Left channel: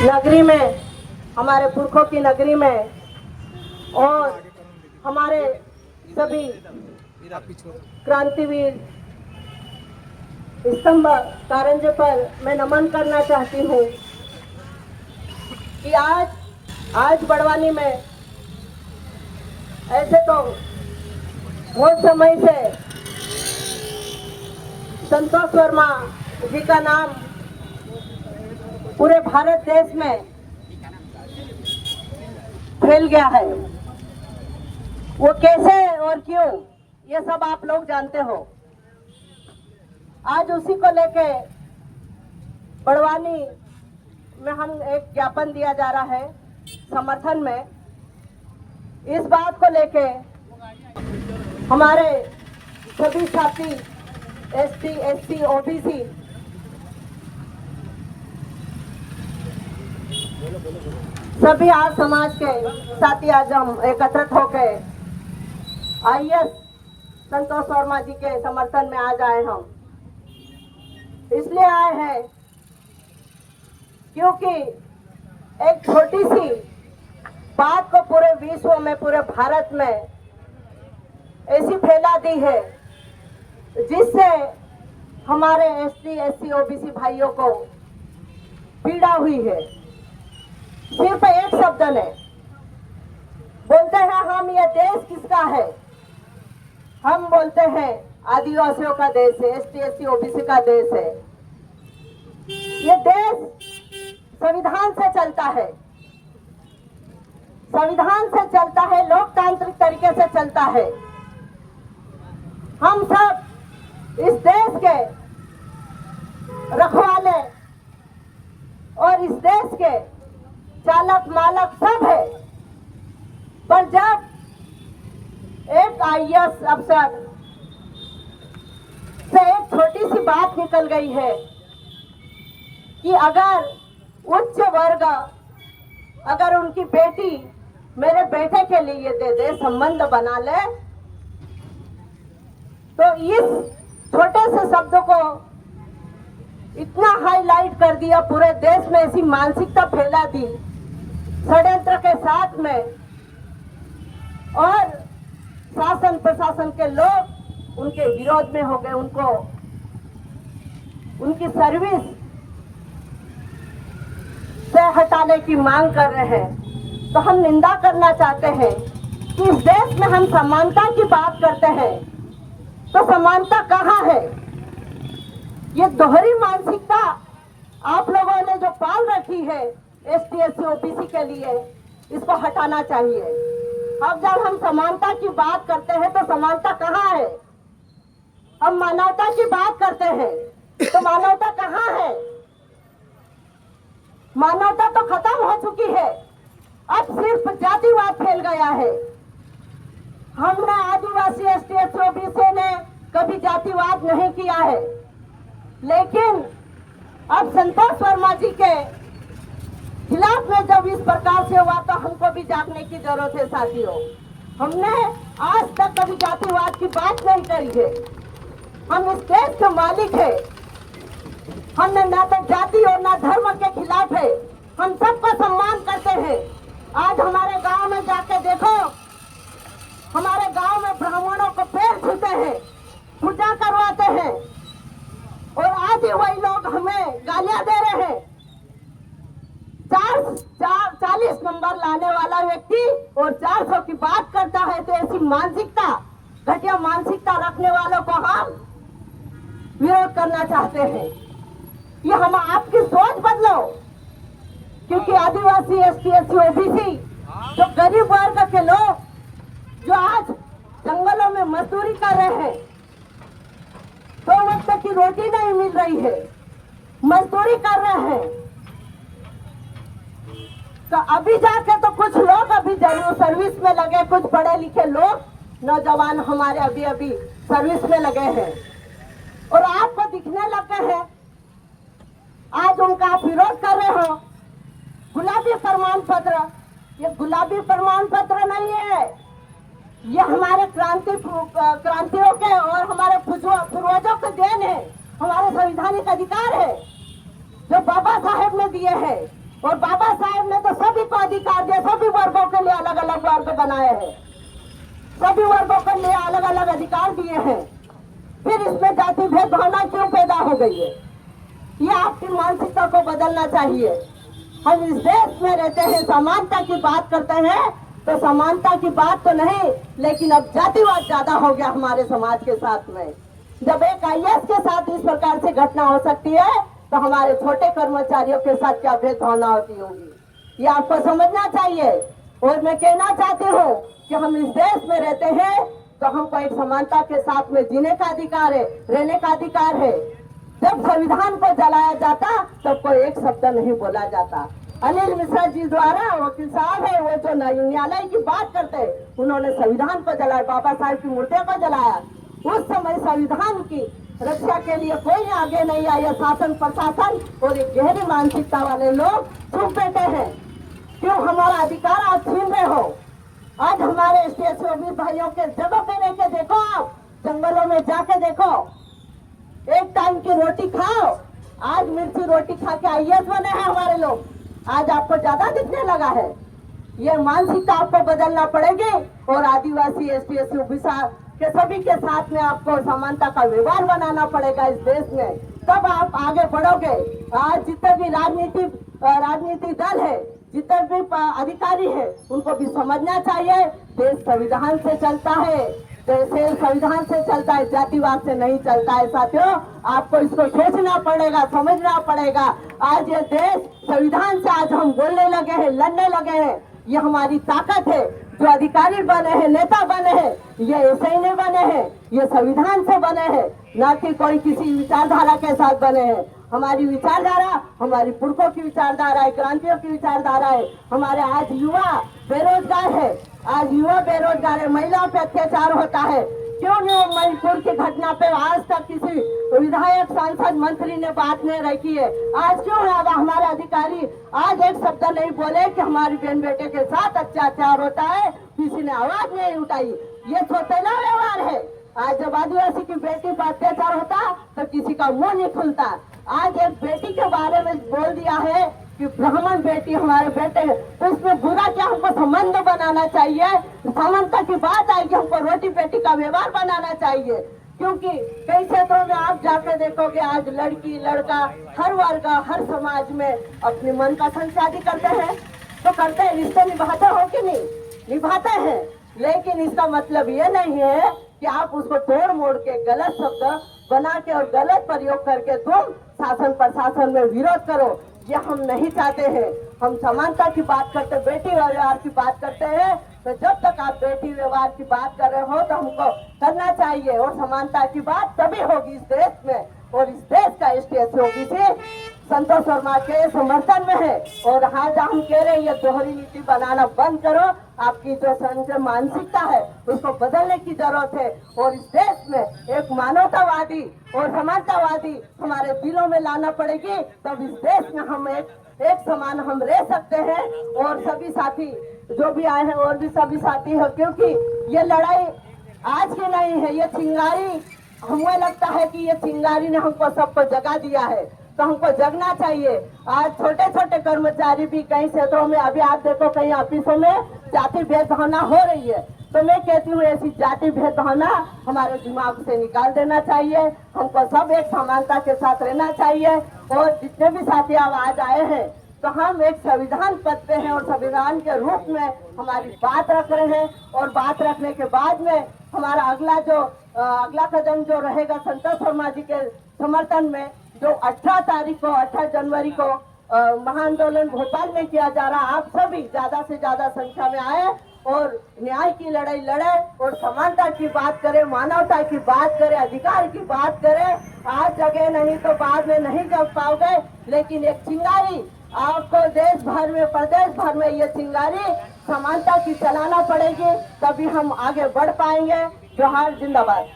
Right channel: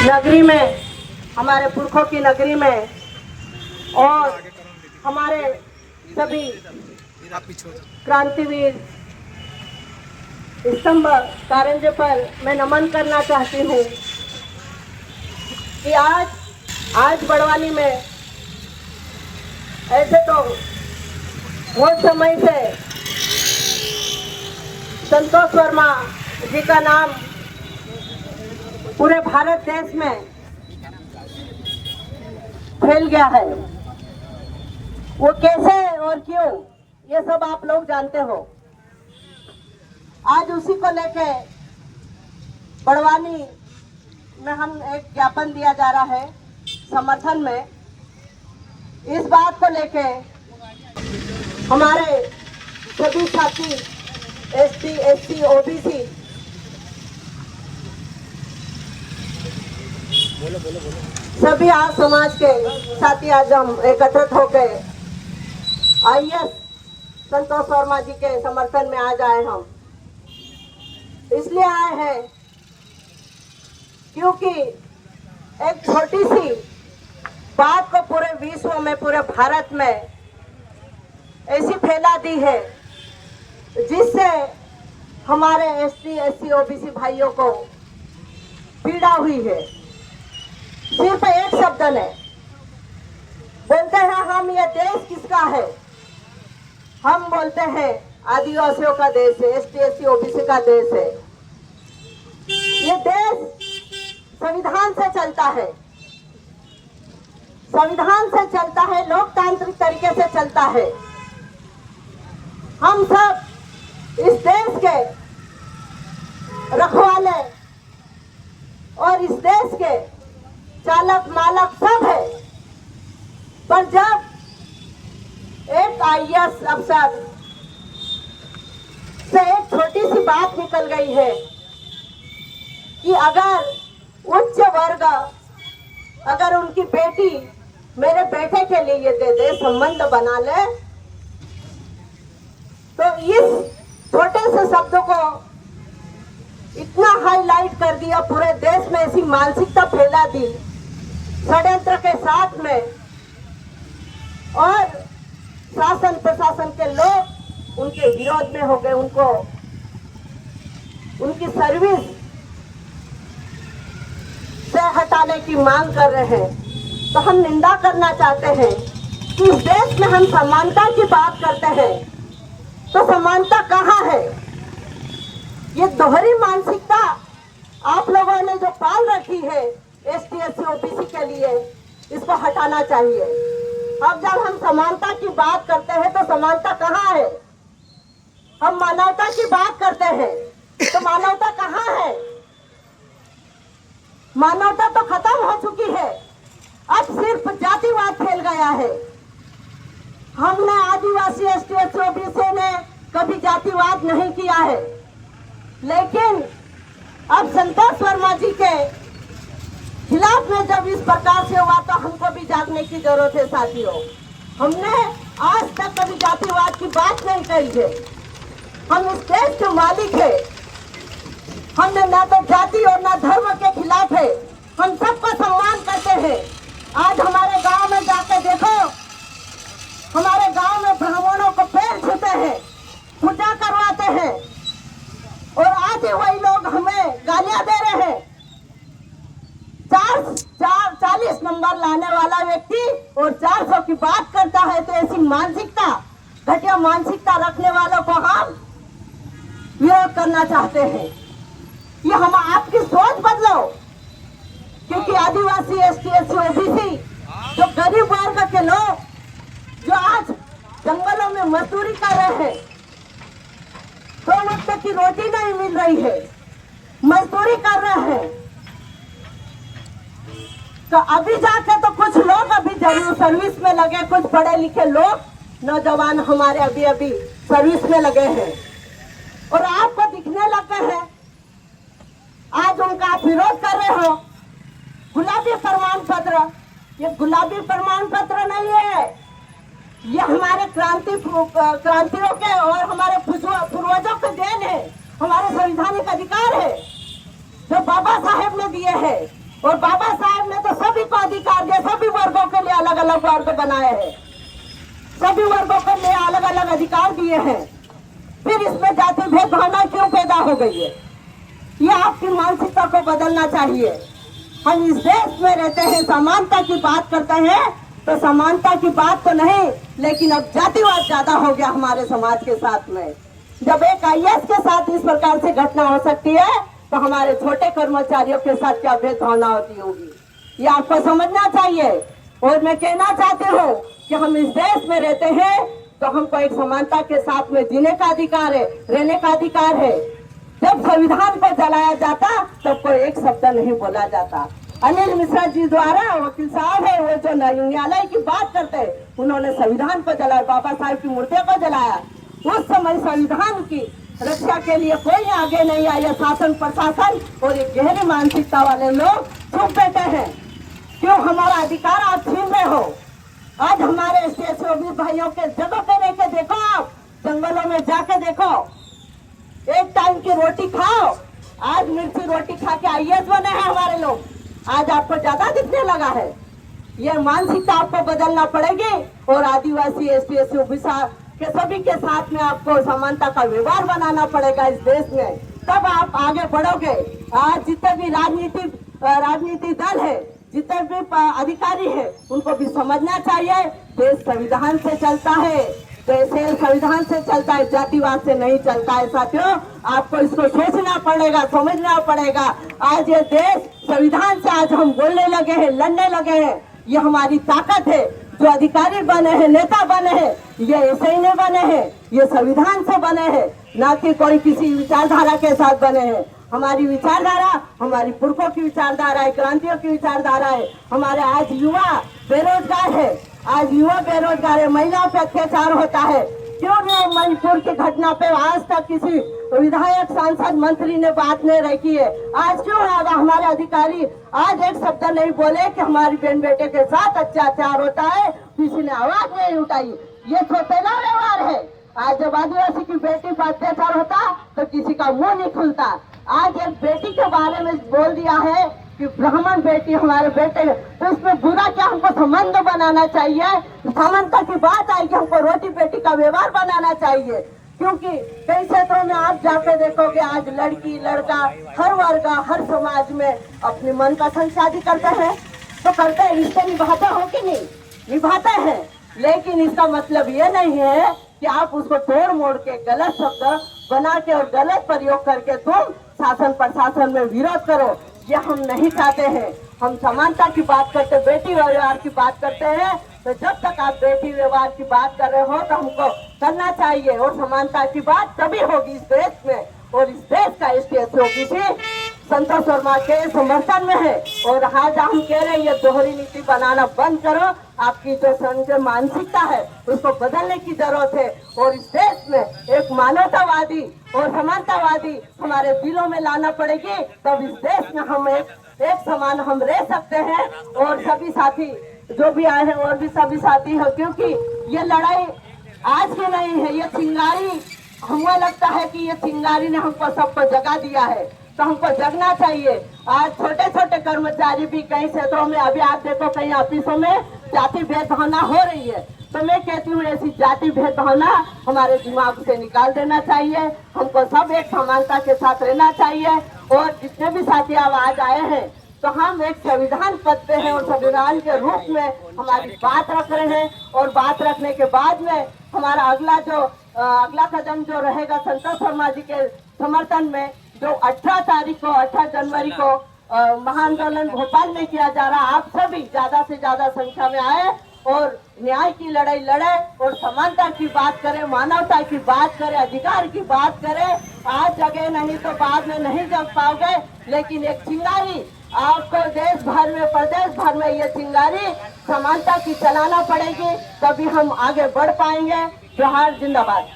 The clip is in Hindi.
नगरी में, हमारे पुरखों की नगरी में, और हमारे सभी क्रांतिवीर स्तंभ कारंजे पर मैं नमन करना चाहती हूँ कि आज बड़वानी में ऐसे तो बहुत समय से संतोष वर्मा जी का नाम पूरे भारत देश में फैल गया है। वो कैसे और क्यों, ये सब आप लोग जानते हो। आज उसी को लेके बड़वानी में हम एक ज्ञापन दिया जा रहा है समर्थन में। इस बात को लेके हमारे सभी साथी एसटी, एससी, ओबीसी सभी आज समाज के साथी आज हम एकत्रित होकर आईएएस संतोष वर्मा जी के समर्थन में आज आए। हम इसलिए आए हैं क्योंकि एक छोटी सी बात को पूरे विश्व में, पूरे भारत में ऐसी फैला दी है जिससे हमारे एसटी, एससी, ओबीसी भाइयों को पीड़ा हुई है। सिर्फ एक शब्द ने बोलते हैं हम, ये देश किसका है? हम बोलते हैं आदिवासियों का देश है, एसटी, एससी, ओबीसी का देश है। ये देश संविधान से चलता है, संविधान से चलता है, लोकतांत्रिक तरीके से चलता है। हम सब इस देश के रखवाले और इस देश के चालक मालक सब है। पर जब एक आईएएस अफसर से एक छोटी सी बात निकल गई है कि अगर उच्च वर्ग, अगर उनकी बेटी मेरे बेटे के लिए ये दे दे, संबंध बना ले, तो इस छोटे से शब्द को इतना हाईलाइट कर दिया, पूरे देश में ऐसी मानसिकता फैला दी षड्यंत्र के साथ में, और शासन प्रशासन के लोग उनके विरोध में हो गए, उनको उनकी सर्विस से हटाने की मांग कर रहे हैं। तो हम निंदा करना चाहते हैं कि इस देश में हम समानता की बात करते हैं, तो समानता कहाँ है? ये दोहरी मानसिकता आप लोगों ने जो पाल रखी है एसटी, एससी, ओबीसी के लिए, इसको हटाना चाहिए। अब जब हम समानता की बात करते हैं तो समानता कहाँ है? हम मानवता की बात करते हैं तो मानवता कहाँ है? मानवता तो खत्म हो चुकी है, अब सिर्फ जातिवाद फैल गया है। हमने आदिवासी, एसटी, एससी, ओबीसी ने कभी जातिवाद नहीं किया है, लेकिन अब संतोष वर्मा जी के खिलाफ में जब इस प्रकार से हुआ तो हमको भी जागने की जरूरत है साथियों। हमने आज तक कभी जातिवाद की बात नहीं कही है। हम इस देश के मालिक है, हमने न तो जाति और न धर्म के खिलाफ है, हम सबका सम्मान करते हैं। आज हमारे गांव में जाके देखो, हमारे गांव में ब्राह्मणों को पैर छूते हैं, पूजा करवाते हैं, और आज वही लोग हमें गालियां दे रहे हैं। 40 नंबर लाने वाला व्यक्ति और 400 की बात करता है, तो ऐसी मानसिकता, घटिया मानसिकता रखने वालों को हम विरोध करना चाहते हैं। ये हम आपकी सोच बदलो, क्योंकि आदिवासी, एसटी, एससी, ओबीसी, जो गरीब वर्ग के लोग जो आज जंगलों में मजदूरी कर रहे हैं, 2 वक्त की रोटी नहीं मिल रही है, मजदूरी कर रहे हैं, तो अभी जाके तो कुछ लोग अभी जरूर सर्विस में लगे, कुछ पढ़े लिखे लोग, नौजवान हमारे अभी अभी सर्विस में लगे हैं, और आपको दिखने लगे हैं। आज उनका आप विरोध कर रहे हो। गुलाबी प्रमाण पत्र, ये गुलाबी प्रमाण पत्र नहीं है, ये हमारे क्रांतियों के और हमारे पूर्वजों के देन है, हमारे संवैधानिक अधिकार है जो बाबा साहेब ने दिए हैं। और बाबा साहब ने तो सभी को अधिकार दिया, सभी वर्गों के लिए अलग अलग वर्ग बनाए हैं, सभी वर्गों के लिए अलग अलग अधिकार दिए हैं। फिर इसमें जाति भेद भावना क्यों पैदा हो गई है? ये आपकी मानसिकता को बदलना चाहिए। हम इस देश में रहते हैं, समानता की बात करते हैं, तो समानता की बात तो नहीं, लेकिन अब जातिवाद ज्यादा हो गया हमारे समाज के साथ में। जब एक IAS के साथ इस प्रकार से घटना हो सकती है, तो हमारे छोटे कर्मचारियों के साथ क्या भेदभावना होती होगी, ये आपको समझना चाहिए। और मैं कहना चाहती हूँ कि हम इस देश में रहते हैं, तो हमको एक समानता के साथ में जीने का अधिकार है, रहने का अधिकार है। जब संविधान को जलाया जाता तब कोई एक शब्द नहीं बोला जाता। अनिल मिश्रा जी द्वारा, वकील साहब है वो जो न्यायालय की बात करते, उन्होंने संविधान को जलाया, बाबा साहब की मूर्तियों को जलाया। उस समय संविधान की रक्षा के लिए कोई आगे नहीं आया, शासन प्रशासन और ये गहरी मानसिकता वाले लोग चुप बैठे हैं। क्यों हमारा अधिकार आप छीन रहे हो? आज हमारे ST भाइयों के जगह पे रह के देखो, आप जंगलों में जाके देखो, एक टाइम की रोटी खाओ। आज मिर्ची रोटी खा के IAS बने हैं हमारे लोग, आज आपको ज्यादा दिखने लगा है। ये मानसिकता आपको बदलना पड़ेगी और आदिवासी ST OBC के सभी के साथ में आपको समानता का व्यवहार बनाना पड़ेगा इस देश में, तब आप आगे बढ़ोगे। आज जितने भी राजनीतिक दल है, जितने भी अधिकारी है, उनको भी समझना चाहिए देश संविधान से चलता है, देश संविधान से चलता है, जातिवाद से नहीं चलता है। साथियों, आपको इसको सोचना पड़ेगा, समझना पड़ेगा। आज ये देश संविधान से आज हम बोलने लगे हैं, लड़ने लगे हैं, ये हमारी ताकत है। जो अधिकारी बने हैं, नेता बने हैं, ये ऐसे ही नहीं बने हैं, ये संविधान से बने हैं, ना कि कोई किसी विचारधारा के साथ बने हैं। हमारी विचारधारा हमारी पुरखों की विचारधारा है, क्रांतियों की विचारधारा है। हमारे आज युवा बेरोजगार है, आज युवा बेरोजगार है, महिलाओं पे अत्याचार होता है। क्यों नहीं मणिपुर की घटना पे आज तक किसी विधायक, सांसद, मंत्री ने बात नहीं रखी है? आज क्यों हमारे अधिकारी आज एक शब्द नहीं बोले कि हमारी बहन बेटे के साथ अत्याचार होता है, किसी ने आवाज नहीं उठाई? ये सौतेला व्यवहार है। आज जब आदिवासी की बेटी पर अत्याचार होता तो किसी का मुंह नहीं खुलता। आज एक बेटी के बारे में बोल दिया है कि ब्राह्मण बेटी हमारे बेटे, तो उसमें बुरा क्या? हमको संबंध बनाना चाहिए। समानता की बात आएगी, हमको रोटी बेटी का व्यवहार बनाना चाहिए। क्योंकि कई क्षेत्रों में आप जाके देखोगे, आज लड़की लड़का हर वर्ग हर समाज में अपनी मनपसंद शादी करते हैं, तो करते हैं, रिश्ते निभाते हो कि नहीं? निभाते हैं। लेकिन इसका मतलब ये नहीं है कि आप उसको तोड़ मोड़ के गलत शब्द बना के और गलत प्रयोग करके तुम शासन प्रशासन में विरोध करो। ये हम नहीं चाहते हैं। हम समानता की बात करते, बेटी व्यवहार की बात करते हैं। तो जब तक आप बेटी व्यवहार की बात कर रहे हो तो हमको करना चाहिए, और समानता की बात तभी होगी इस देश में। और इस देश का ST OBC संतोष वर्मा के समर्थन में है। और आज हम कह रहे हैं ये दोहरी नीति बनाना बंद करो। आपकी जो मानसिकता है उसको बदलने की जरूरत है। और इस देश में एक मानवतावादी और समानतावादी हमारे दिलों में लाना पड़ेगी, तब इस देश में हम एक समान हम रह सकते हैं। और सभी साथी जो भी आए हैं और भी सभी साथी हैं, क्योंकि ये लड़ाई आज की नहीं है। ये चिंगारी, हमें लगता है कि ये चिंगारी ने हमको सबको जगा दिया है, तो हमको जगना चाहिए। आज छोटे छोटे कर्मचारी भी कई क्षेत्रों में, अभी आप देखो कई ऑफिसों में जाति भेदभावना हो रही है। तो मैं कहती हूँ ऐसी जाति भेदभावना हमारे दिमाग से निकाल देना चाहिए। हमको सब एक समानता के साथ रहना चाहिए। और जितने भी साथी आज आए हैं, तो हम एक संविधान पद पे हैं और संविधान के रूप में हमारी बात रख रहे हैं। और बात रखने के बाद में हमारा अगला कदम जो रहेगा संतोष वर्मा जी के समर्थन में, जो 18 जनवरी को महाआंदोलन भोपाल में किया जा रहा, आप सभी ज्यादा से ज्यादा संख्या में आए और न्याय की लड़ाई लड़े और समानता की बात करें, मानवता की बात करें, अधिकार की बात करें। आज जगह नहीं तो बाद में नहीं जग पाओगे, लेकिन एक चिंगारी आपको देश भर में, प्रदेश भर में ये चिंगारी समानता की चलाना पड़ेगी, तभी हम आगे बढ़ पाएंगे। जोहार, जिंदाबाद।